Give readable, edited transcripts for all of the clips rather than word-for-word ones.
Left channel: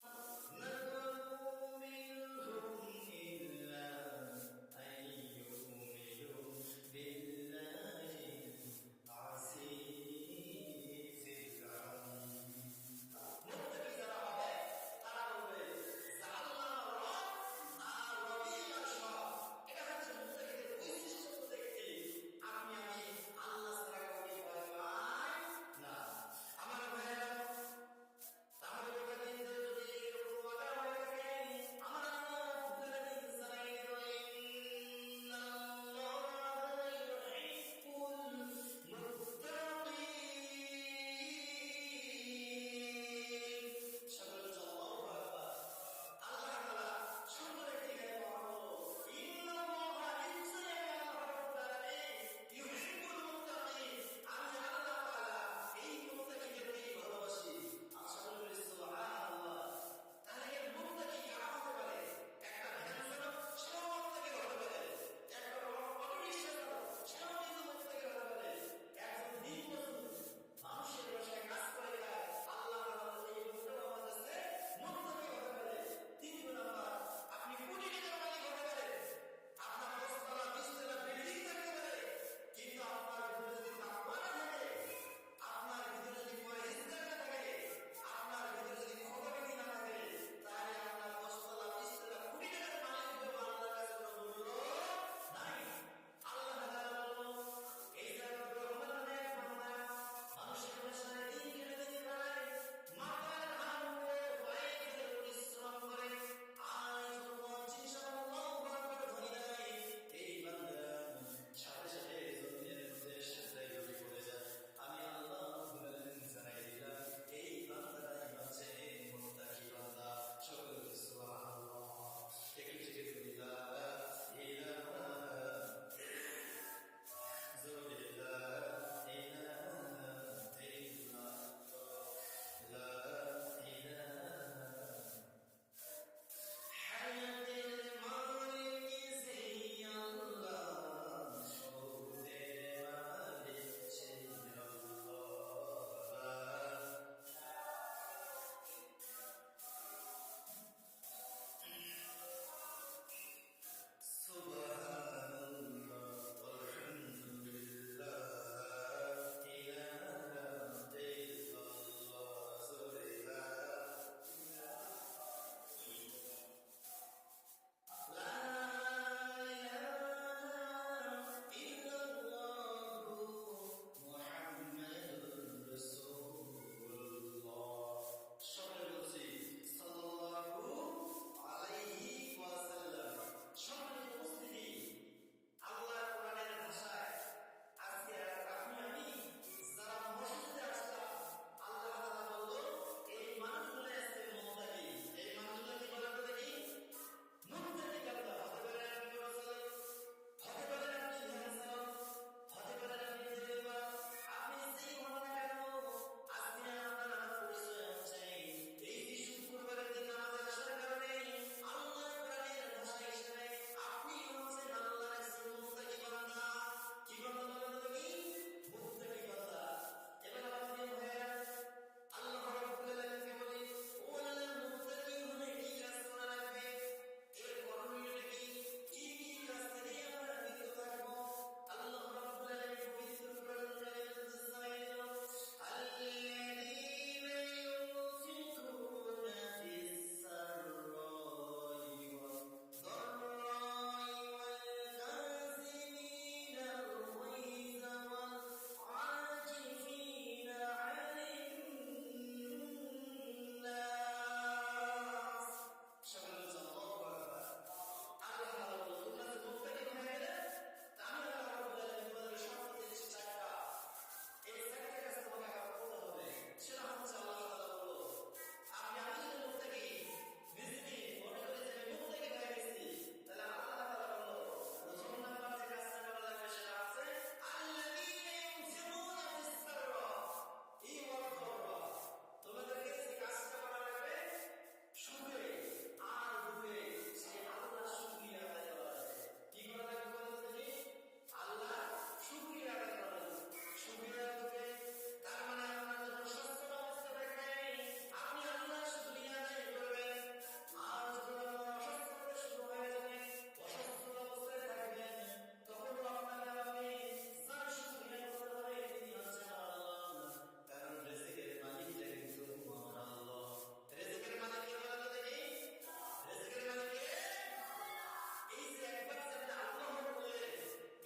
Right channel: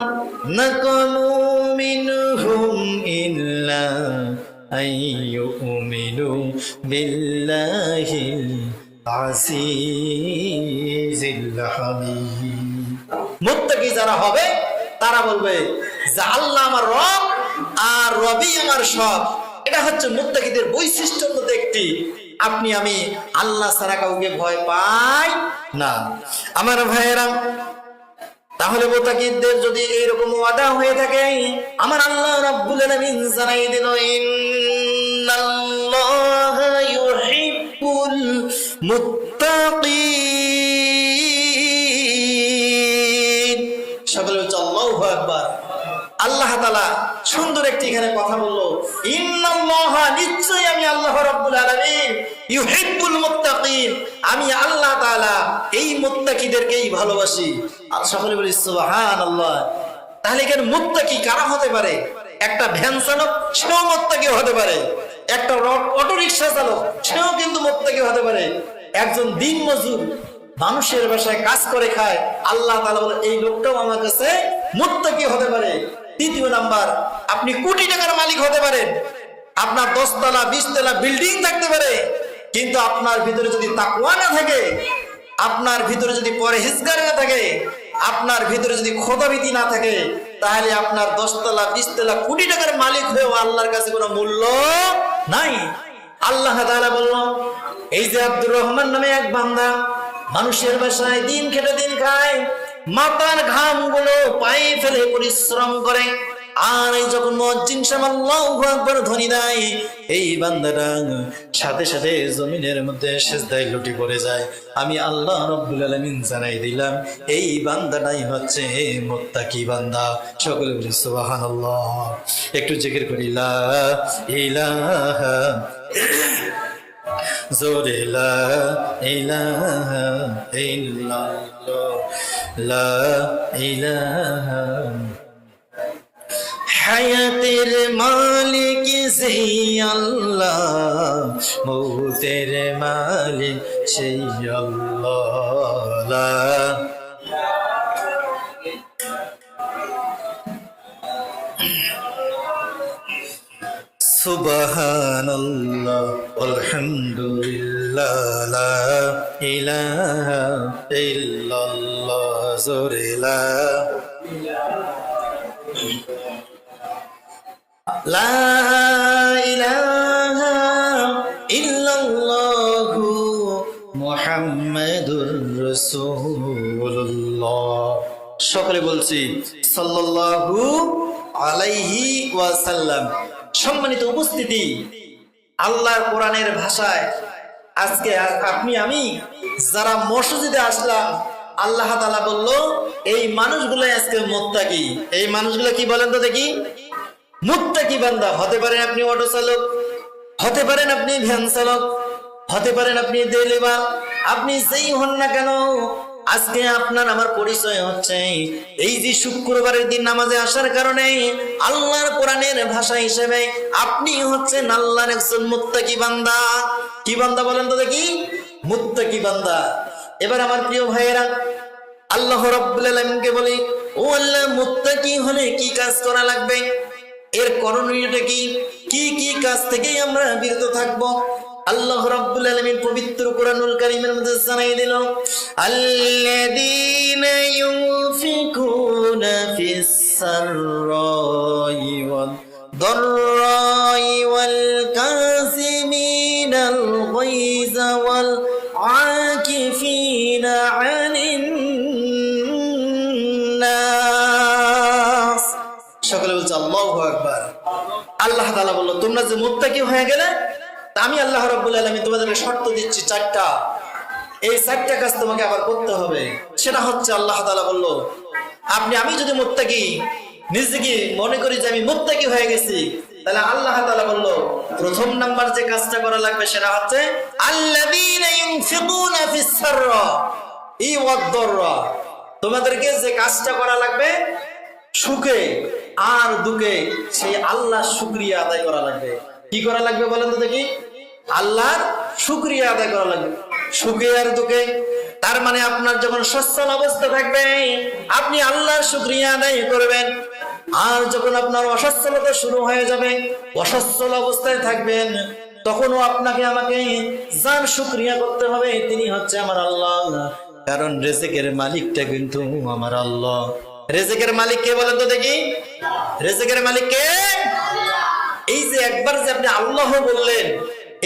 نقموا منهم إلا أن يؤمنوا بالله العزيز الحميد মুত্তাকি যারা হবে তারা বলবে যে আল্লাহ আমার রব আর রবি আমার সব। এটা হচ্ছে মুত্তাকিদের বৈশিষ্ট্যের মধ্যে একটি। আপনি আমি আল্লাহ ছাড়া কাউকে ভয় পাই না। আমার ভাইয়েরা, তাহলে মুত্তাকিদের যদি এইরকম ওয়াদা হয়ে থাকে, আমার আল্লাহ রাব্বুল আলামিন জানাই দিল, ইন্নাল্লাহা ইউহিব্বুল মুত্তাকিন। সকলে বলছে আল্লাহু আকবার। আল্লাহ তাআলা সুন্দর একটি এখানে কথা বললো, ইন্নাল্লাহা, নিশ্চয়ই আমি আল্লাহ রাব্বুল আলামিন, ইউহিব্বুল মুত্তাকিন, আমি আল্লাহ তাআলা এই মুত্তাকিদেরকেই ভালোবাসি। আর সকলে বলি সুবহানাল্লাহ। তাহলে এখানে মুত্তাকি কারা হতে পারে? একটা ভ্যান চালক, সেও মুত্তাকি হতে পারে। একটা অটো রিকশা চালক, সেও কিন্তু মুত্তাকি হতে পারে। একজন দিন মজুর, মানুষের বাসায় কাজ করে খায়, আল্লাহ তাআলা বলে এই লোকটাও আমার কাছে মুত্তাকি হতে পারে। তৃতীয় নাম্বার, আপনি কোটি টাকার মালিক হতে পারেন, আপনার 10 তলা 20 তলা বিল্ডিং থাকতে পারে, কিন্তু আপনার ভিতরে যদি তাকওয়া না থাকে, আপনার ভিতরে যদি পরহেজগার না থাকে, আপনার ভিতরে যদি খোদাভীতি না থাকে, তাহলে আপনার 10 তলা 20 তলা কোটি টাকার মালিক হয়েও আল্লাহর কাছে কোনো মূল্য নাই। আল্লাহ তাআলা বলল, এই যে আব্দুর রহমান নামে এক বান্দা মানুষের বাসায় দিন খেটে দিন খায়, মাথার ঘাম গুলো পায়ে ফেলে পরিশ্রম করে, আর এই যখন মুয়াজ্জিন সাহেব আল্লাহু আকবার ধ্বনি দেয়, এই বান্দাটা সাথে সাথে জমিনের মধ্যে সিজদায় লুটি পড়ে যায়। আমি আল্লাহ রাব্বুল আলামিন জানাই দিলাম, এই বান্দাটাই হচ্ছে মুত্তাকি বান্দা। সকলে বলি সুবহানাল্লাহ। একটু জিকির করি, লা ইলাহা জোরে লা ইলাহা ইল্লাল্লাহ, লা ইলাহা। হায়াতের মালিক সেই আল্লাহ, মৌতের মালিক সেই আল্লাহ। সুবহানাল্লাহ আলহামদুলিল্লাহ, লা ইলাহা ইল্লাল্লাহ, জোরে লা ইলাহা ইল্লাল্লাহু মুহাম্মাদুর রাসূলুল্লাহ। সকলে বলছি সাল্লাল্লাহু আলাইহি ওয়াসাল্লাম। সম্মানিত উপস্থিতি, আল্লাহর কোরআনের ভাষায় আজকে আপনি আমি যারা মসজিদে আসলাম, আল্লাহ তাআলা বলল এই মানুষগুলো আজকে মুত্তাকি। এই মানুষগুলো কি বলেন তো দেখি? মুত্তাকি বান্দা। হতে পারেন আপনি অটো চালক, হতে পারেন আপনি ভ্যান চালক, হতে পারেন আপনি ডেলিভার, আপনি যেই হন না কেন, আজকে আপনার আমার পরিচয় হচ্ছে এই যে শুক্রবারের দিন নামাজে আসার কারণে আল্লাহর কোরআনের ভাষা হিসেবে আপনি হচ্ছেন আল্লাহর একজন মুত্তাকি বান্দা। কি বান্দা বলেন তো দেখি? মুত্তাকি বান্দা। এবার আমার প্রিয় ভাইয়েরা, আল্লাহ রাব্বুল আলামিনকে বলি, ও আল্লাহ, মুত্তাকি হলে কি কাজ করা লাগবে? এর করণীয়টা কি? কি কি কাজ থেকে আমরা বিরত থাকব? আল্লাহ রাব্বুল আলামিন পবিত্র কোরআনুল কারীমের মধ্যে জানাই দিল, আল্লাযীনা ইউনফিকুনা ফিস সাররাই ওয়াদ দাররাই ওয়াল কাযিমিনাল গায়যা ওয়াল আকিফিনা আনিন নাস। সকলে বলছে আল্লাহু আকবার। আল্লাহ তাআলা বলল, তোমরা যে মুত্তাকি হয়ে গেলে, আমি আল্লাহ রাব্বুল আলামিন তোমাদেরকে শর্ত দিচ্ছি 4টা। এই 4টা কাজ তোমাকে আবার করতে হবে। সেটা হচ্ছে, আল্লাহ তাআলা বলল, আমি যদি মুত্তাকি নিজেকে মনে করি যে আমি মুত্তাকি হয়ে গেছি, তাহলে আল্লাহ তাআলা বলল প্রথম নাম্বার যে কাজটা করা লাগবে সেটা হচ্ছে আল্লাযীনা ইউনফিকুনা ফিস সাররা ওয়াদ দাররা। তোমাদেরকে যে কাজটা করা লাগবে সুখে আর দুঃখে, সেই আল্লাহর শুকরিয়া আদায় করা লাগবে। কি করা লাগবে বলেন তো দেখি? আল্লাহর শুকরিয়া আদায় করা লাগবে। সুখে আর দুঃখে তার মানে আপনার যখন সচ্ছল অবস্থা থাকবে আপনি আল্লাহর শুকরিয়া আদায় করবেন। আর যখন আপনার অসচ্ছলতা শুরু হয়ে যাবে, অসচ্ছল অবস্থায় থাকবেন, তখনও আপনাকে আমাকে যার শুকরিয়া করতে হবে তিনি হচ্ছে আমার আল্লাহ। কারণ রিজিকের মালিকটা কিন্তু আমার আল্লাহ। রিজিকের মালিক কে বলেন তো দেখি? রিজিকের মালিক কে? এই যে একবার যে আপনি আল্লাহ বললেন,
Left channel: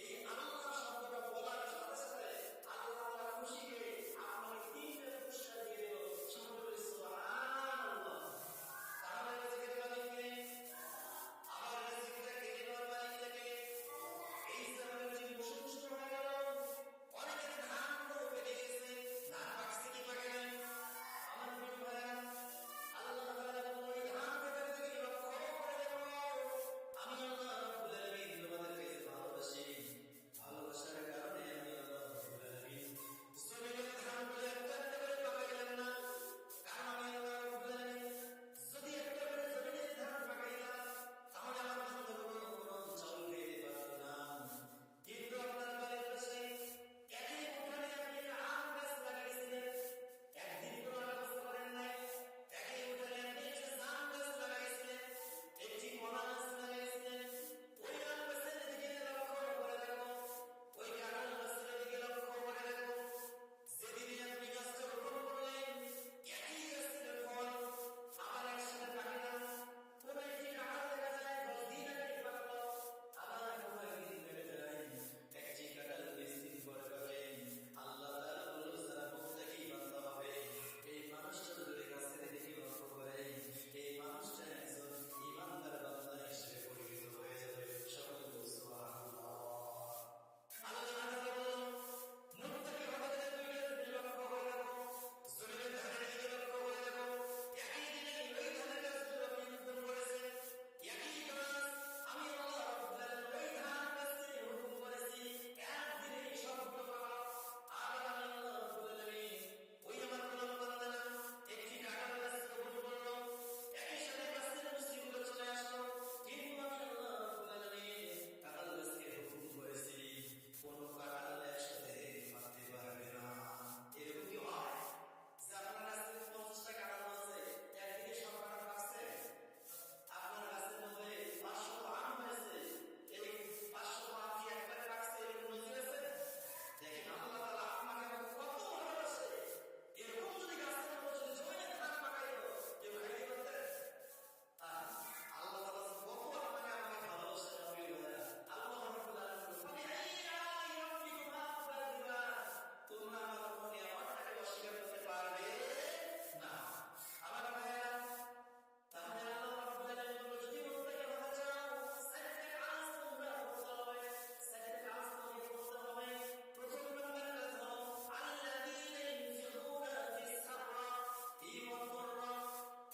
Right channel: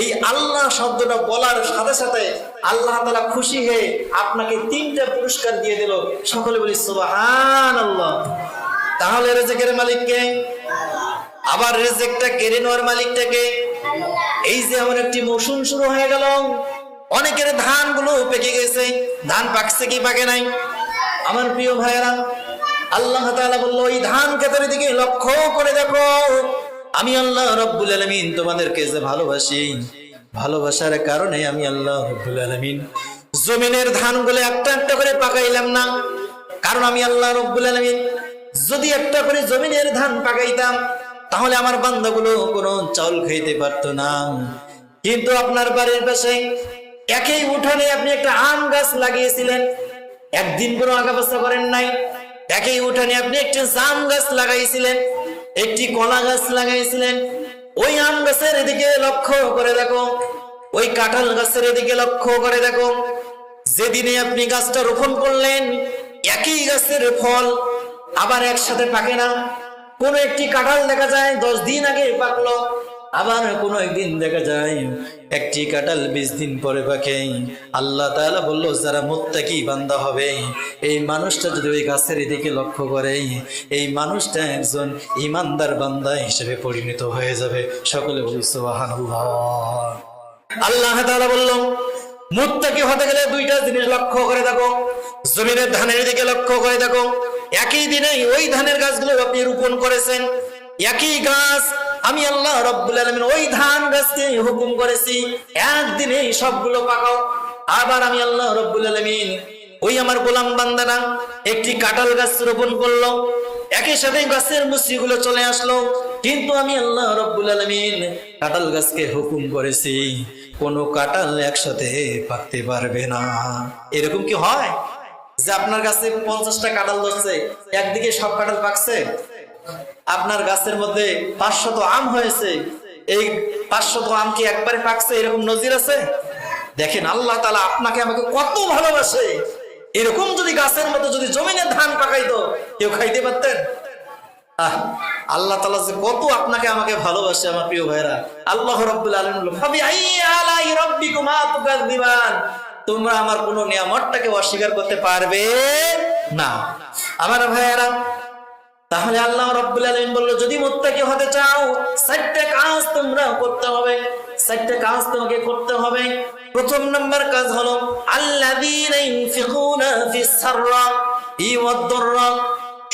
এই আল্লাহ শব্দটা বলার সাথে সাথে আল্লাহ তাআলা খুশি হয়ে আপনাকে 3টা পুরস্কার দিয়ে দিল। সকলে বলি সুবহানাল্লাহ। তাহলে রিজিকের মালিক কে? আবার রিজিকটা কেড়ে নেওয়ার মালিকটা কে? এই যে আমার একটি মৌসুম শুরু হয়ে গেল, অনেকের ধানগুলো পেকে গেছে, ধান পাকছে কি পাকে নাই? আমার প্রিয় ভাইয়েরা, আল্লাহ তাআলা বলল এই ধান ক্ষেতের দিকে লক্ষ্য করে দেখো, আমি আল্লাহ রব্বুল আলামিন তোমাদেরকে যে ভালোবাসি, ভালোবাসার কারণে আমি আল্লাহ রব্বুল আলামিন জমিনের ধানগুলো একটা একটা করে পাকাইলাম না। কারণ আমি আল্লাহ রব্বুল আলামিন যদি একটা করে জমিনের ধান পাকাইতাম তাহলে আমার বান্দাগুলো কোনো চাউল খাইতে পারতো না। কিন্তু আপনার বাড়ির পাশে একই উঠানে আপনি একটা আম গাছ লাগিয়েছিলেন, একদিন কোনো আগাপাশা করেন নাই। একই উঠানে আপনি একটি জাম গাছ লাগাইছিলেন, একটি কলা গাছ লাগাইছিলেন। ওই আম গাছের এদিকে লক্ষ্য করে দেখো, ওই কাঁঠাল গাছের এদিকে লক্ষ্য করে দেখো। যেদিনে আপনি গাছটা রোপণ করলেন একই গাছের ফল আবার একসাথে পাকে না। কোন একটি কাঁঠাল দেখা যায় 10 দিন আগে পাকলো, আবার কোন একদিন দেখা যায় একটি কাঁঠাল 20 দিন পরে পাকে। আল্লাহ তাআলা বলল যারা মুত্তাকি বান্দা হবে, এই মানুষটা যদি ওই গাছের দিকে লক্ষ্য করে, এই মানুষটা একজন ঈমানদার বান্দা হিসেবে পরিণত হয়ে যাবে। সকলে বলি সুবহানাল্লাহ। আল্লাহ তাআলা বলল মুত্তাকি হতে গেলে 2টা জিনিস লক্ষ্য করে দেখো। জমিনের ধানের দিকে লক্ষ্য করে দেখো, একই দিনে ওই ধানের গাছগুলো আপনি রোপণ করেছেন, একই গাছ আমি আল্লাহ রব্বুল আলামিন ওই ধান গাছকে হুকুম করেছি একদিনে সবগুলো পাকাও। আবার আমি আল্লাহ রব্বুল আলামিন ওই আমার গোলাম বান্দারা একটি কাঁঠাল গাছ রোপণ করলো, একই সাথে গাছের মুচড়িগুলো চলে আসলো। কিন্তু আমি আল্লাহ রব্বুল আলামিন কাঁঠাল গাছকে হুকুম করেছি কোনো কাঁঠাল একসাথে পাকতে পারবে না। এরকম কি হয় যে আপনার গাছে 50টা কাঁঠাল ধরছে, একদিকে সব কাঁঠাল পাকছে? আপনার গাছের মধ্যে 500 আম হয়েছে, এই 500 আম কি একবারে পাকছে? এরকম নজির আছে? দেখেন আল্লাহ তাআলা আপনাকে আমাকে কত ভালোবাসে। এরকম যদি গাছের মধ্যে যদি জমিনে ধান পাকাইতো কেউ খাইতে পারতেন? আল্লাহ তাআলা যে কত আপনাকে আমাকে ভালোবাসে আমার প্রিয় ভাইরা। আল্লাহ রাব্বুল আলামিন বলেন ফাবিআইয়ি আলাই রাব্বিকুমা তুকাযযিবান, তোমরা আমার কোন নিয়ামতটাকে অস্বীকার করতে পারবে না। আমার ভাইরা, তাহলে আল্লাহ রাব্বুল আলামিন বলল যদি মুত্তাকি হতে চাও 4টা কাজ তোমরা করতে হবে, 4টা কাজ তোমাকে করতে হবে। প্রথম নাম্বার কাজ হলো আল্লাযীনা ইনফিকুনা ফিস সাররা ওয়াদ দাররা,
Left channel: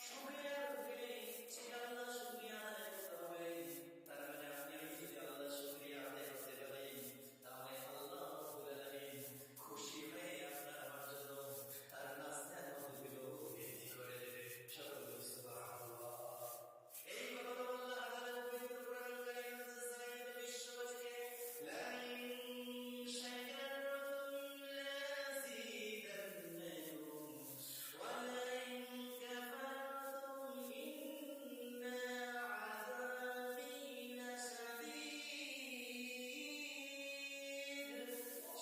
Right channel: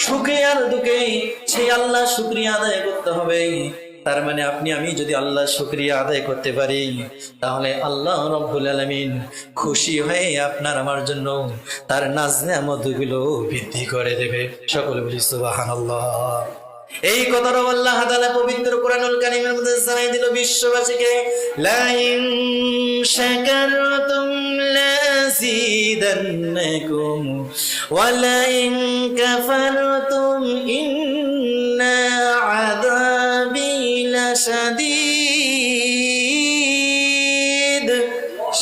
সুখে আর দুঃখে সেই আল্লাহ শুকরিয়া আদায় করতে হবে। তার মানে আপনি আমি যদি আল্লাহ শুকরিয়া আদায় করতে পারি তাহলে আল্লাহ রাব্বুল আলামিন খুশি হয়ে আপনার আমার জন্য তার নাজ নেয়ামতগুলো বৃদ্ধি করে দেবে। সকলে বলি সুবহানাল্লাহ। এই কথাটা আল্লাহ তাআলা পবিত্র কোরআনুল কারীমের মধ্যে জানাই দিল বিশ্ববাসীকে, লা ইন শাকারতুম লাযিদান্নাকুম ওয়া লা ইন কাফারতুম ইন্না আযাবি লাশাদীদ।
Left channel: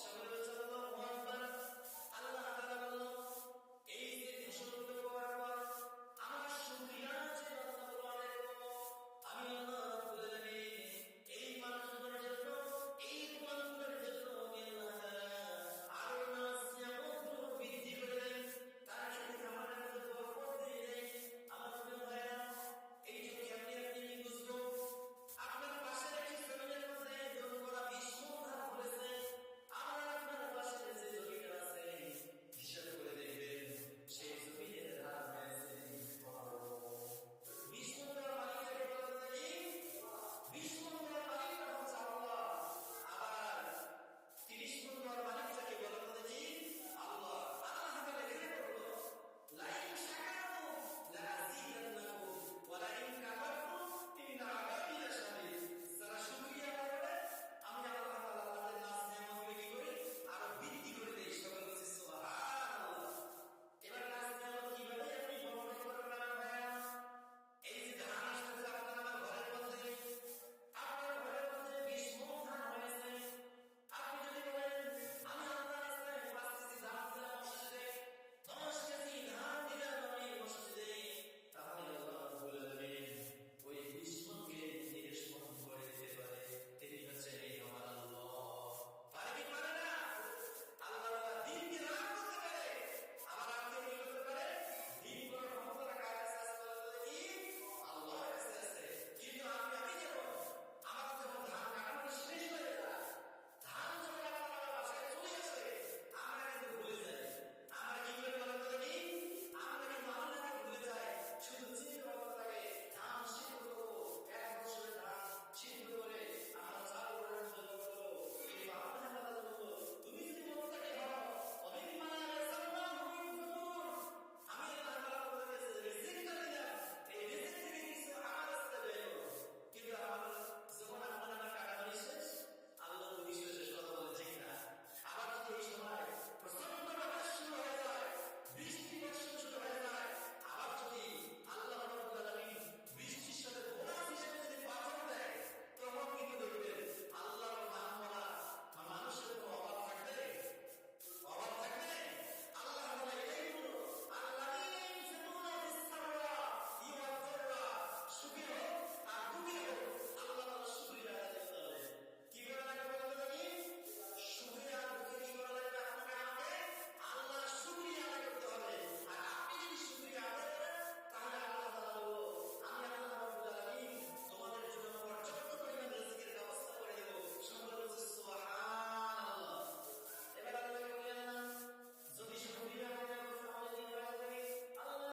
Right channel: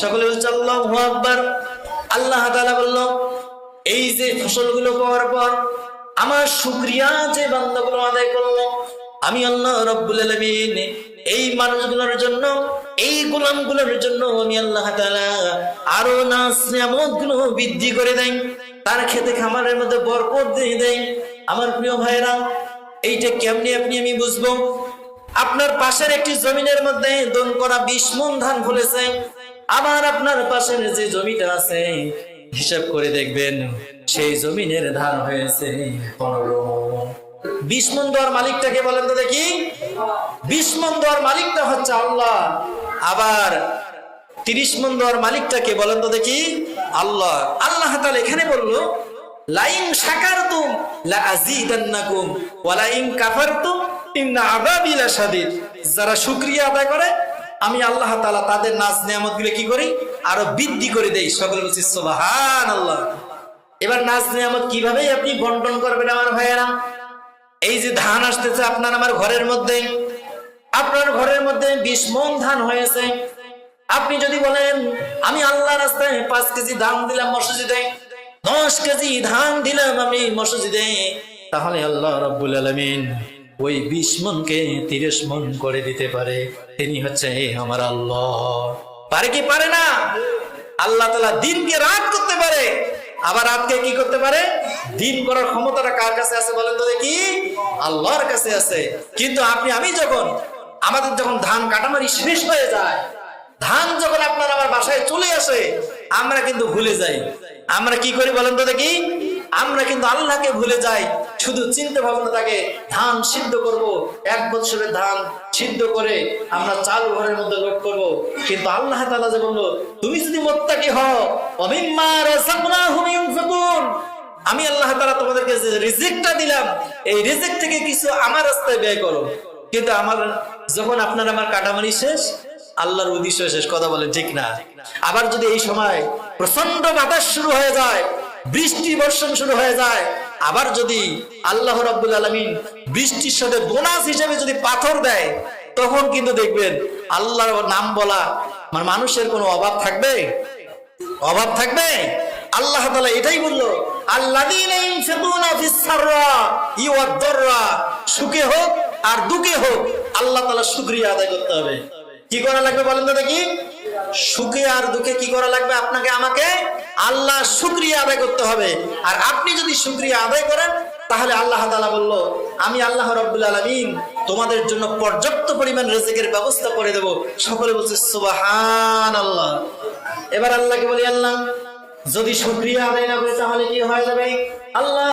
সকলে বলছে আল্লাহু আকবার। আল্লাহ তাআলা বলল এই যে ফসলগুলো পাওয়ার পর আমার শুকরিয়া যে বান্দাগুলো আদায় করলো, আমি আল্লাহ রাব্বুল আলামিন এই মানুষগুলোর জন্য, এই গোলামগুলোর জন্য আমি আল্লাহ তাআলা আরো নাজ নিয়ামতগুলো বৃদ্ধি করে দেই, তার খেতে খামারের মধ্যে বরকত দিয়ে দেই। আমার প্রিয় ভাইরা, এইটা কেমনি আপনি আমি বুঝবো? আপনার পাশের একটি জমিনের মধ্যে দন করা 20 মণ ধান ফলেছে, আবার আপনার পাশের যে জমিটা আছে হিসাব করে দেখবেন সেই জমিনের ধান হয়েছে 15 মণ। 20 মণ দেওয়ার মালিকটাকে বলেন তো দেখি? 20 মণ দেওয়ার মালিকটা হচ্ছে আল্লাহ। আবার 30 মণ দেওয়ার মালিকটাকে বলেন তো দেখি? আল্লাহ। আল্লাহ তাআলা এখানে বলল লাইন শাকারতুম লাযিদান্নাকুম ওয়া লাইন কাফারতুম ইন্না আযাবি লাশাদীদ। যারা শুকরিয়া আদায় করে আমি আল্লাহ তাআলা তাদের নাজ নিয়ামত গুলো কি করি আরো বৃদ্ধি করে দেই। সকলে বলছি সুবহানাল্লাহ। এবার নাজ নিয়ামত কিভাবে আপনি বন্টন করবেন আমার ভাইয়েরা? এই যে ধান আসতেছে আপনার আমার ঘরের মধ্যে, আপনার ঘরের মধ্যে 20 মণ ধান হয়েছে। আপনি যদি বলেন আমি আল্লাহর রাস্তায় 5 কেজি ধান দিলাম মসজিদে, 10 কেজি ধান দিলাম আমি মসজিদে, তাহলে আল্লাহ রাব্বুল আলামিন ওই 20 মণকে 30 মণ করে দিতে পারে। তিনি হচ্ছে আমার আল্লাহ। পারে কি পারে না? আল্লাহ তাআলা দিনকে রাত করতে পারে, আবার রাতকে কি করতে পারে? দিন করার ক্ষমতাটা কার কাছে আছে বলেন তো দেখি? আল্লাহর কাছে আছে। কিন্তু আপনি আমি যখন আমাদের যখন ধান কাটামারি শেষ হয়ে যায়, ধান যখন আপনার আমার বাসায় চলে আসে, আমরা কিন্তু ভুলে যাই। আমরা কি করি বলেন তো দেখি? আমরা কিন্তু আল্লাহকে ভুলে যাই। শুধু চিন্তা ভাবনা থাকে ধান সিদ্ধ করব, 1 বছরের ধান সিদ্ধ করে আমরা চাল ঘরের মধ্যে লোড করব। কিন্তু আল্লাহ তাআলা যে বলল তুমি যদি মুত্তাকি হও, ওমিম্মা রাযাকনাহুম ইউনফিকুন, আমি আল্লাহ তাআলা তোমাদেরকে যে রিজিকটা দিলাম এই রিজিক থেকে কিছু আমার রাস্তায় ব্যয় করো। কিন্তু আমার যখন আপনার আমার কাটামারি শেষ, আল্লাহর উদ্দেশ্য শেষ। কথা বলেন ঠিক না? আবার যদি এই সময় প্রচন্ড বাতাস শুরু হয়ে যায়, বৃষ্টি বর্ষণ শুরু হয়ে যায়, আবার যদি আল্লাহ রাব্বুল আলামিন বৃষ্টির সাথে বোনাস হিসেবে যদি পাথর দেয়, তখন কিন্তু দেখবেন আল্লাহর নাম বলা মানে মানুষের কোনো অভাব থাকবে? অভাব থাকবে? আল্লাহ তাআলা এটাই বললো আল্লাযীনা ইউনফিকুনা ফিস সাররা ওয়াদ দাররা, সুখে হোক আর দুঃখে হোক আল্লাহ তাআলা শুকরিয়া আদায় করতে হবে। কি করা লাগবে বলেন তো দেখি? সুখে আর দুঃখে কি করা লাগবে? আপনাকে আমাকে আল্লাহ শুকরিয়া আদায় করতে হবে। আর আপনি যদি শুকরিয়া আদায় করেন তাহলে আল্লাহ তাআলা বলল আমি আল্লাহ রাব্বুল আলামিন তোমাদের জন্য পর্যাপ্ত পরিমাণ রিজিকের ব্যবস্থা করে দেব। সকলে বলছে সুবহানাল্লাহ। এবার আল্লাহকে বলি আল্লাহ যদি শুকরিয়া আদায় না করে তাহলে কি হয়ে যাবে? আল্লাহ